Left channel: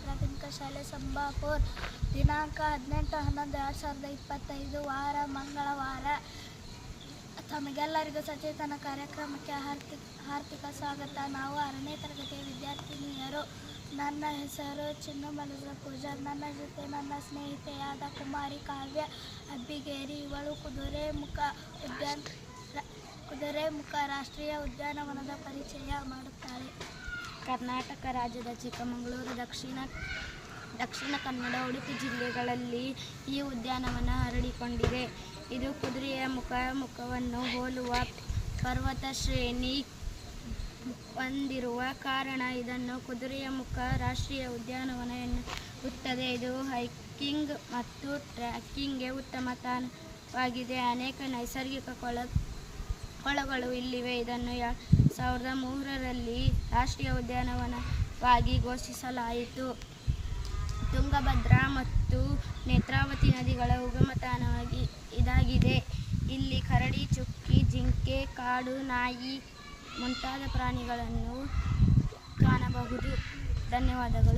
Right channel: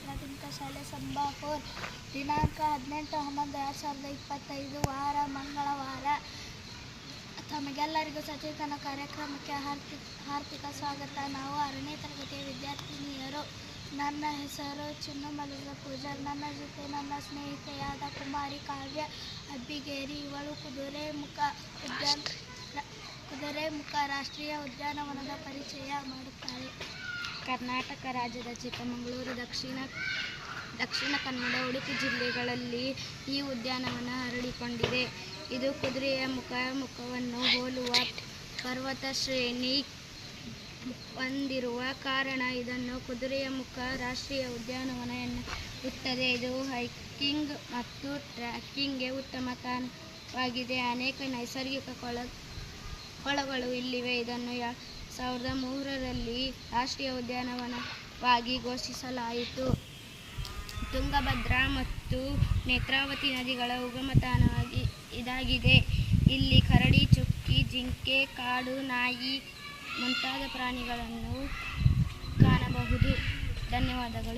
ಪ್ರಾಥಮಿಕ ಶಾಲೆ ಸಂಬಾಪುರ್ ದಿನಾಂಕ ಹದಿನೆಂಟು ಹನ್ನೊಂದು ಎರಡು ಸಾವಿರದ ಇಪ್ಪತ್ತೈದು ವಾರ ಮಂಗಳವಾರ. ತಮಗೆಲ್ಲರಿಗೂ ಸಚೇತನ ಕಾರ್ಯಕ್ರಮಕ್ಕೆ ಹಾರ್ದಿಕ ಹಾರ್ದಿಕ ಸ್ವಾಗತ. ನಾವು ಆರನೇ ತರಗತಿಯ ವಿದ್ಯಾರ್ಥಿನಿಯರು. ನನ್ನ ಹೆಸರು ಚಿನ್ನಮಲದ ಪೂಜಾರ್ ನನ್ನ ಜೊತೆ ನನ್ನ ಸ್ನೇಹಿತೆಯಾದ ಕುಮಾರಿ ಕಾವ್ಯ ಅಬ್ಬಿಗೇರಿ. ಇವಳು ಕುದುರೆಮುಖ ಉದ್ಯಾನ ಕುದುರೆ ಕುದುರೆಮುಖ ರಾಷ್ಟ್ರೀಯ ಉದ್ಯಾನವನದ ಪರಿಚಯ ಮಾಡುತ್ತಾಳೆ. ಕರ್ನಾಟಕ ರಾಜ್ಯದ ಚಿಕ್ಕಮಗಳೂರು, ದಕ್ಷಿಣ ದಕ್ಷಿಣ ಕನ್ನಡ, ಉಡುಪಿ ಜಿಲ್ಲೆಗಳಲ್ಲಿ ಈ ಉದ್ಯಾನವನ ಹರಡಿಕೊಂಡಿದೆ. ಇದು ಕುದುರೆಯ ಮುಖ ಮುಖವನ್ನು ಹೋಲುವ ಪರ್ವತ ಶ್ರೇಣಿ ಹೊಂದಿರುವ ಕಾರಣ ಇದನ್ನು ಕುದುರೆಯ ಮುಖ ರಾಷ್ಟ್ರೀಯ ಉದ್ಯಾನವನ ಎನ್ನುತ್ತದೆ. ಇದು ಹೈಕಿಂಗ್ ಮತ್ತು ಟ್ರ್ಯಾಕಿಂಗ್ಗೆ ಉತ್ತಮ ತಾಣವಾಗಿದೆ ಅನೇಕ ನೈಸರ್ಗಿಕ ಕೊಳ, ಕೊಳಗಳು ಇಲ್ಲಿವೆ. ಇದನ್ನು ಯಾ- ಸಾವಿರದ ಮೂರರಲ್ಲಿ ರಾಷ್ಟ್ರೀಯ ಉದ್ಯಾನವನವಾಗಿ ಘೋಷಿಸಲಾಯಿತು. ತುಂಗಭದ್ರಾ ಮತ್ತು ನೇತ್ರಾವತಿ ನದಿಗಳ ಉಗಮ ತಾಣವಾಗಿ ಇದಾಗಿದೆ. ಇಲ್ಲಿ ಕರಡಿ, ಚುಕ್ಕಿ, ಜಿಂಕೆ, ಕಾಡು, ನಾಯಿ ಮುಂತಾದ ಪ್ರಾಣಿಗಳನ್ನು ಕಾಣಬಹುದು. ಧನ್ಯವಾದಗಳು.